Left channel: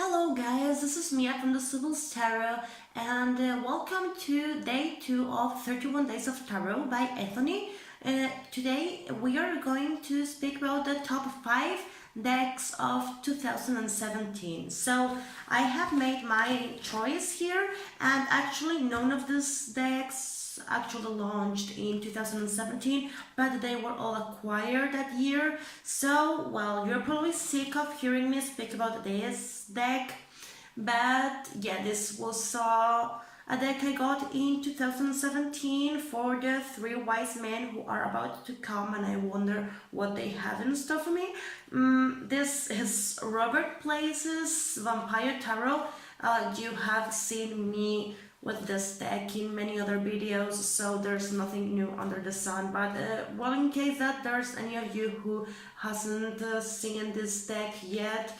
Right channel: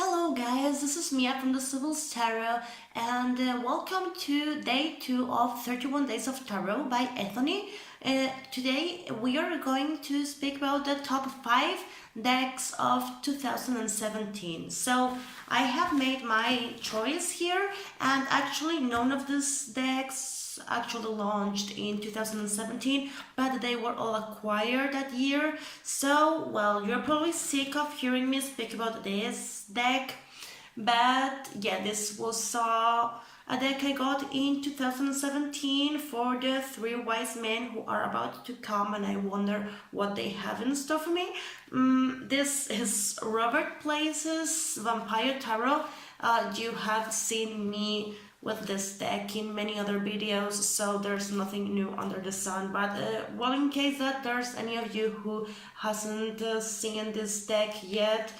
Hello guys, this is Mia from the Sibyl's Terra and welcome to day 2 of 31 Days of Tarot by Ethony. Today we are going to speak about the top 5 decks of 2017. So I have made my choice here, and actually none of these decks actually launched in 2017, but they were all acquired that year. So, well, you're probably sick of hearing me speak about this deck, but yeah, this was a deck I got in 2017 for the 3 wise men who are about to come, and I wonder what they have in store for me. This is Robert Place's Vampire Tarot. You have seen me with this deck in many other videos, so there's nothing new under the sun, but well, in case that there's any of you who hasn't seen this deck yet,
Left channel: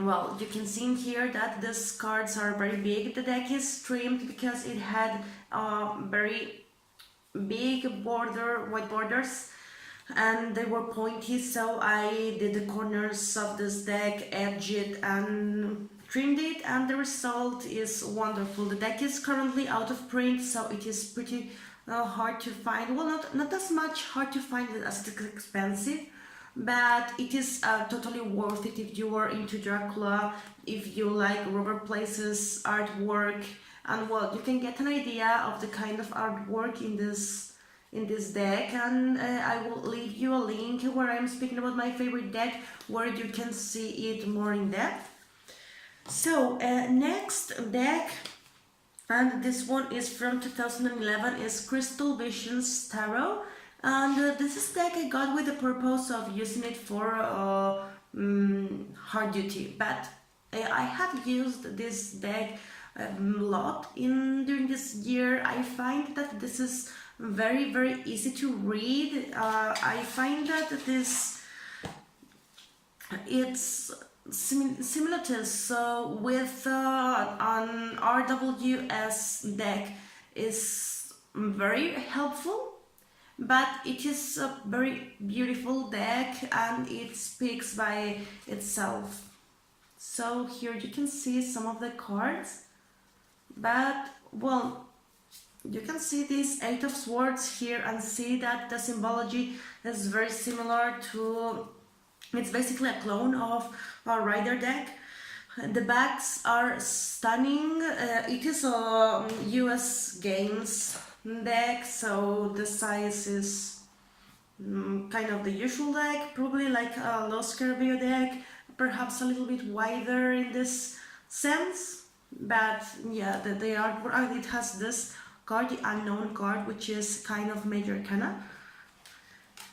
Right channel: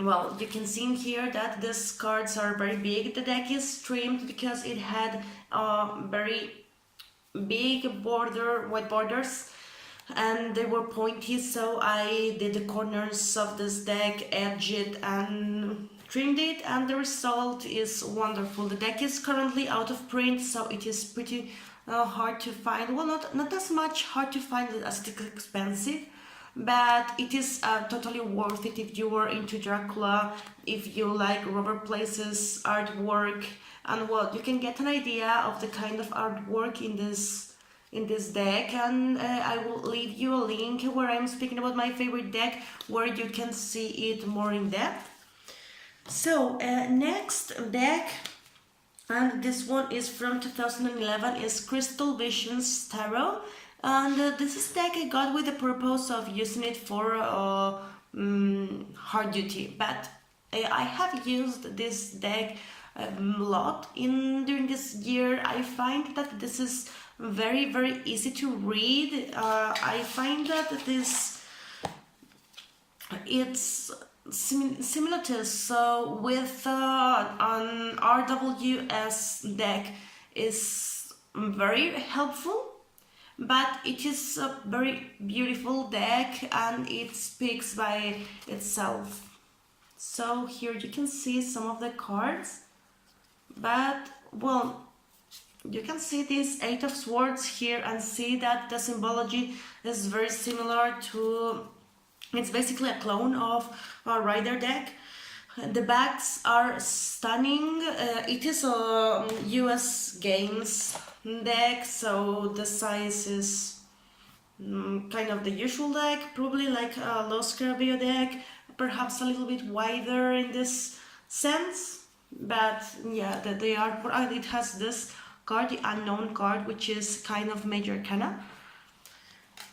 well, you can see in here that these cards are very big. The deck is trimmed because it had very big white borders, and they were pointy, so I did the corners of this deck, edged it and trimmed it, and the result is wonderful. The deck is currently out of print, so it is pretty hard to find. Well, not as much hard to find as it's expensive, but it is totally worth it if you are into Dracula, if you like Robert Place's artwork, and well, you can get an idea of the kind of artwork in this deck, and I will leave you a link where I'm speaking about my favorite deck, where you can see it more in depth. So next deck, and this one is from 2011, is Crystal Visions Tarot, and this is deck I got with the purpose of using it for hard duty, but I have used this deck a lot during this year. I find that this is very easy to read. I find that it's similar to, so with an RWS deck is very helpful, but it is a very beautiful deck and it speaks by itself. So here you can see some of the cards, but well, you can see this 8 of Swords here and see that the symbology is very similar to, it's basically a clone of a Rider deck. The backs are stunning. It is a US Games deck, so the size is kind of the usual deck, probably like a Los Carabeo deck, perhaps a little bit wider in this sense, but yeah, the artwork, it has this card, the Unknown card, which is kind of Major Arcana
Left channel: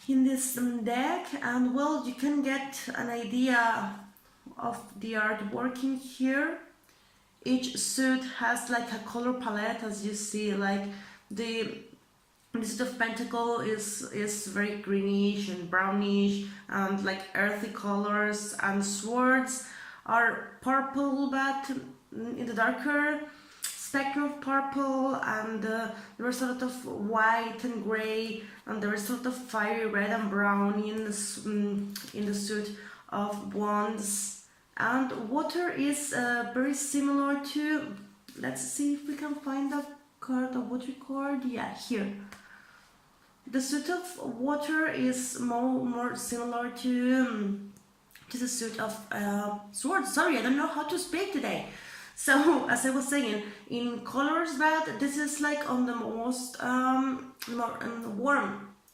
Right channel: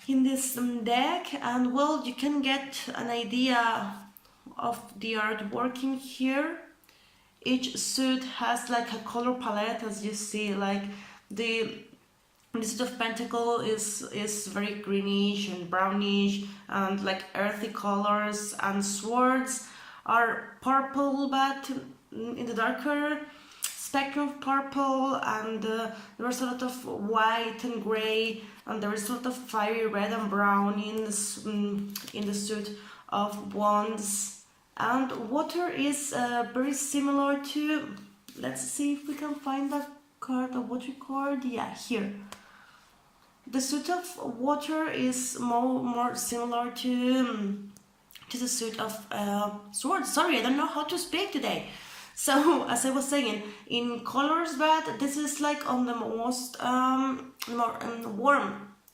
in this deck, and well, you can get an idea of the artwork in here. Each suit has like a color palette, as you see, like the suit of Pentacle is very greenish and brownish and like earthy colors, and swords are purple but in the darker spectrum of purple, and there is a lot of white and gray, and there is a lot of fiery red and brown in the suit of Wands. And water is very similar to, let's see if we can find that card, a water card, yeah, here. The suit of water is more similar to the suit of swords. Sorry, I don't know how to speak today. So, as I was saying, in colors, but this is like on the most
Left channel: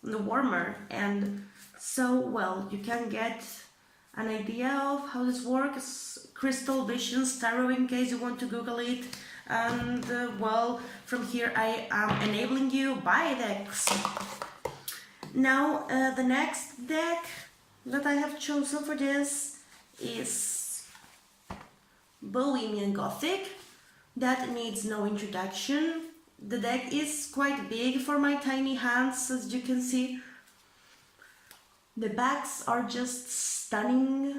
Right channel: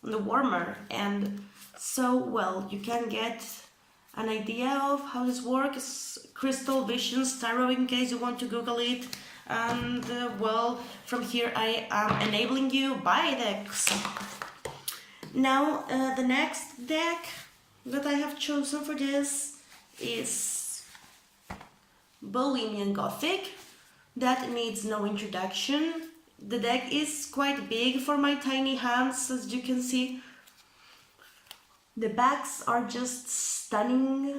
warmer end. So, well, you can get an idea of how this works. Crystal Visions Tarot, in case you want to Google it. And, well, from here I am enabling you buy decks. Now, the next deck that I have chosen for this is Bohemian Gothic. That needs no introduction. The deck is quite big for my tiny hands, as you can see. The backs are just stunning,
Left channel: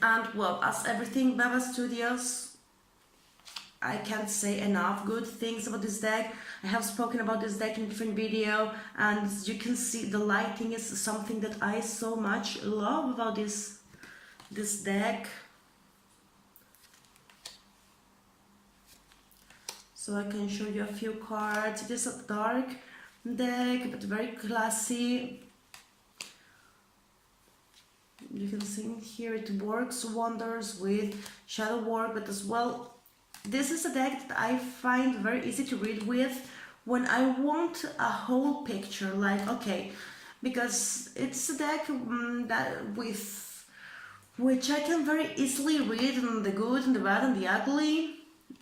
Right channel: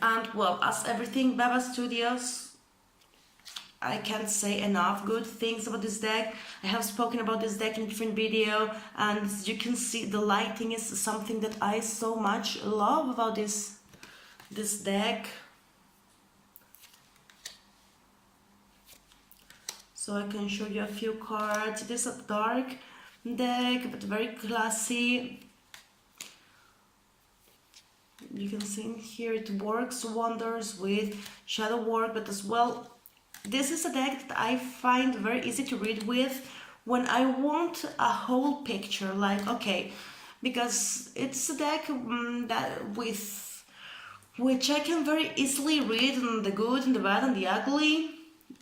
and well, as everything Baba Studios, I can't say enough good things about this deck. I have spoken about this deck in different video, and as you can see, the lighting is something that I so much love about this this deck. So I can show you a few cards. It is a dark deck, but very classy. You can see in here it works wonders with shadow work, but as well, this is a deck that I find very easy to read with when I want a whole picture, like, okay, because it's a deck that with which I can very easily read the good and the bad and the ugly,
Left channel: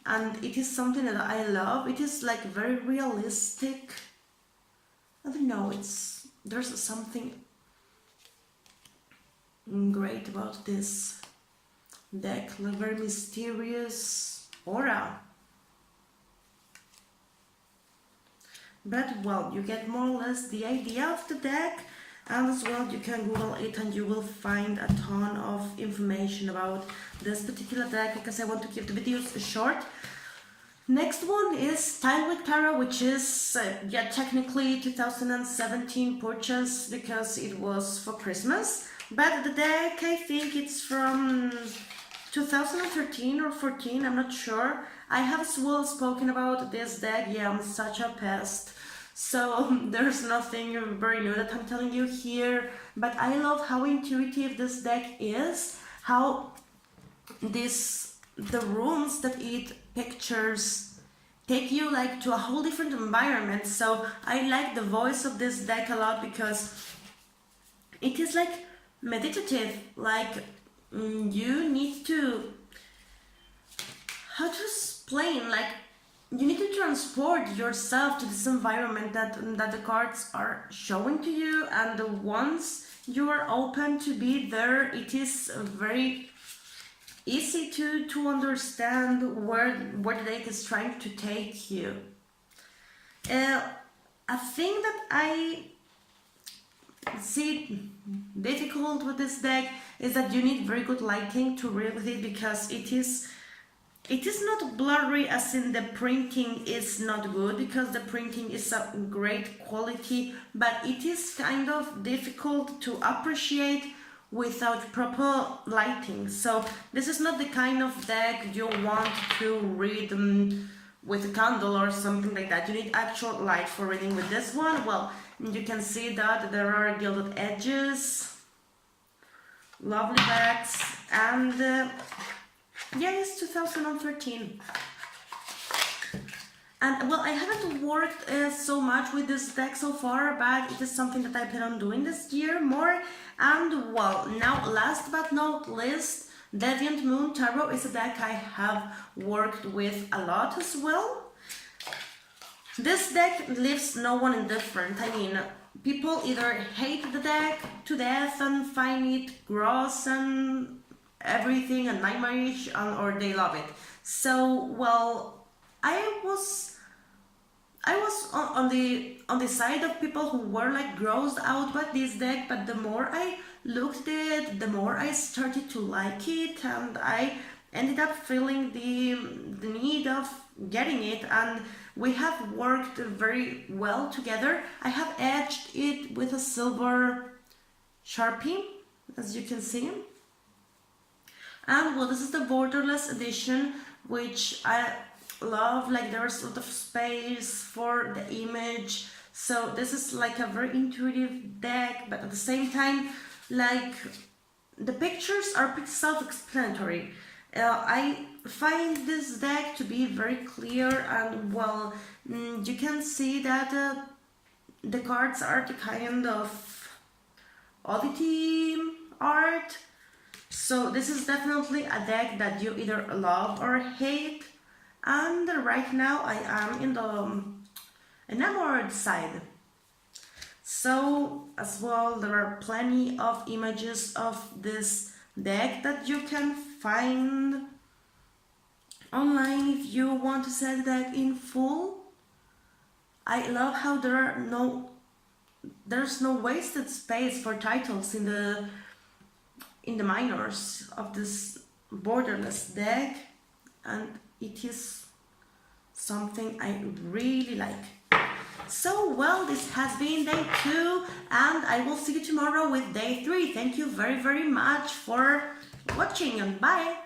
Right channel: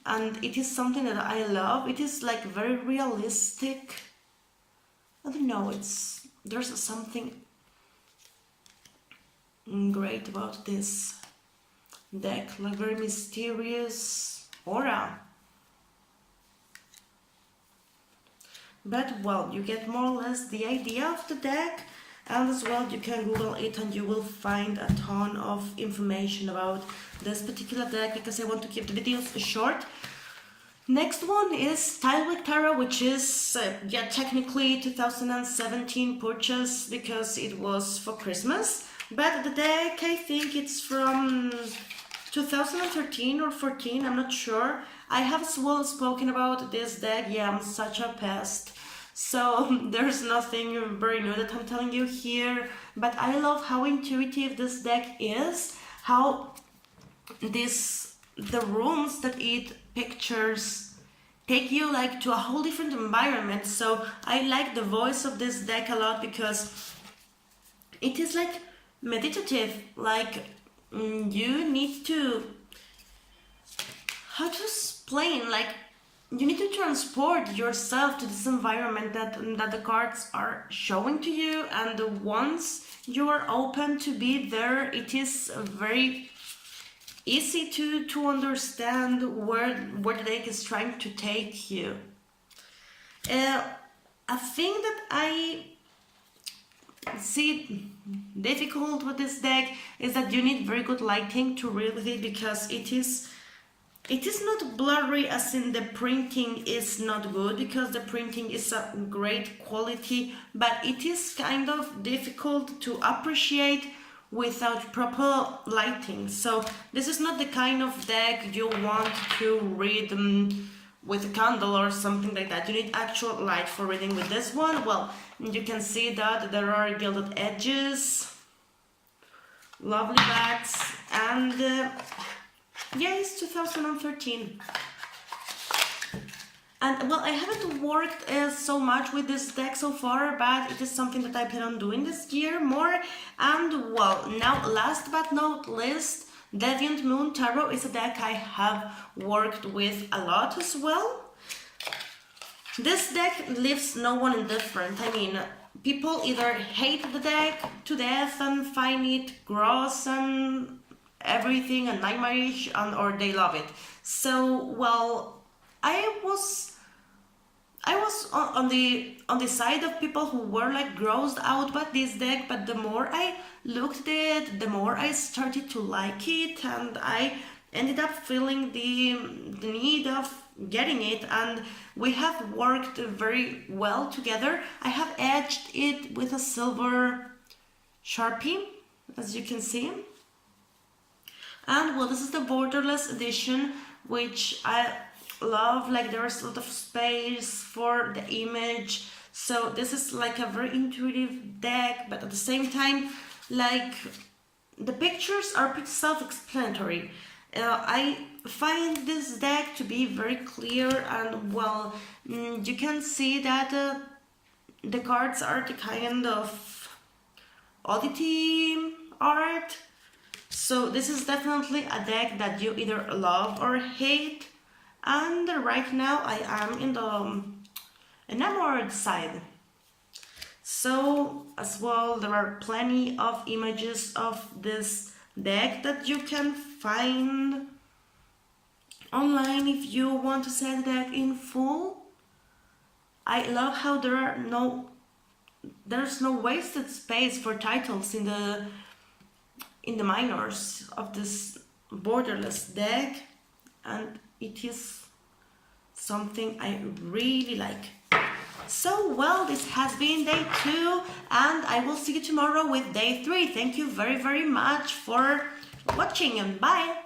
and it is something that I love. It is like very realistic. I don't know, there's something great about this deck, like very mysterious aura. But well, you get more or less the idea of the deck, and as well you can Google it and you will find a ton of information about this particular deck, because I want to keep the videos short. Next one is Style with Terra, which is yeah, technically 2017 purchase because it was for Christmas, but the deck, I think it's from 2013 or 14, I'm not sure. I have as well spoken about this deck. Yeah, I'm such a pest, so there's nothing very new that I'm telling you here, but I love how intuitive this deck is, how the rooms that it pictures take you like to a whole different environment. So I like the voice of this deck a lot because it is like meditative, like you need to, how to explain, like you need to transport yourself to this environment that the cards are showing to you, and once you are open to be there, it is very easy to understand where the deck is trying to take you. A thing that I see difficult with this deck is that you need very good lighting to read with it, because it is not blurry, as in the printing is not good, because the printing is a great quality, but it is kind of difficult to appreciate without proper lighting. So this is not the kind of deck you want to read with a candle or something like that. You need actual light for reading with this one. Well, you can see that there are gilded edges, lovely backs, and yeah, it's 2013. And well, I haven't worked so much with this deck so far, but it is something that I plan on doing this year more. And well, now last but not least, Deviant Moon Tarot is a deck I have worked with a lot as well. This deck leaves no one indifferent. I mean, people either hate the deck to death and find it gross and everything and nightmarish, or they love it. So well, I was on the side of people who were like grossed out by this deck, but the more I looked at it, the more I started to like it, and I ended up feeling the need of getting it, and we have worked very well together. I have edged it with a silver Sharpie, as you can see. And well, this is the borderless edition, which I love. Like, there's a lot of space for the image, so this is like a very intuitive deck, but at the same time, like, the pictures are pretty self-explanatory. I find this deck to be very clear, and well, you can see that the cards are the kind of oddity art. So this is definitely a deck that you either love or hate, and right now I am in the enamored side. So as well, there are plenty of images of this deck that you can find online if you want to see the deck in full. I love how there's no wasted space for titles in the minors of this borderless deck, and it is something I really like. So well, this has been day 2, and I will see you tomorrow with day 3. Thank you very, very much for watching and bye.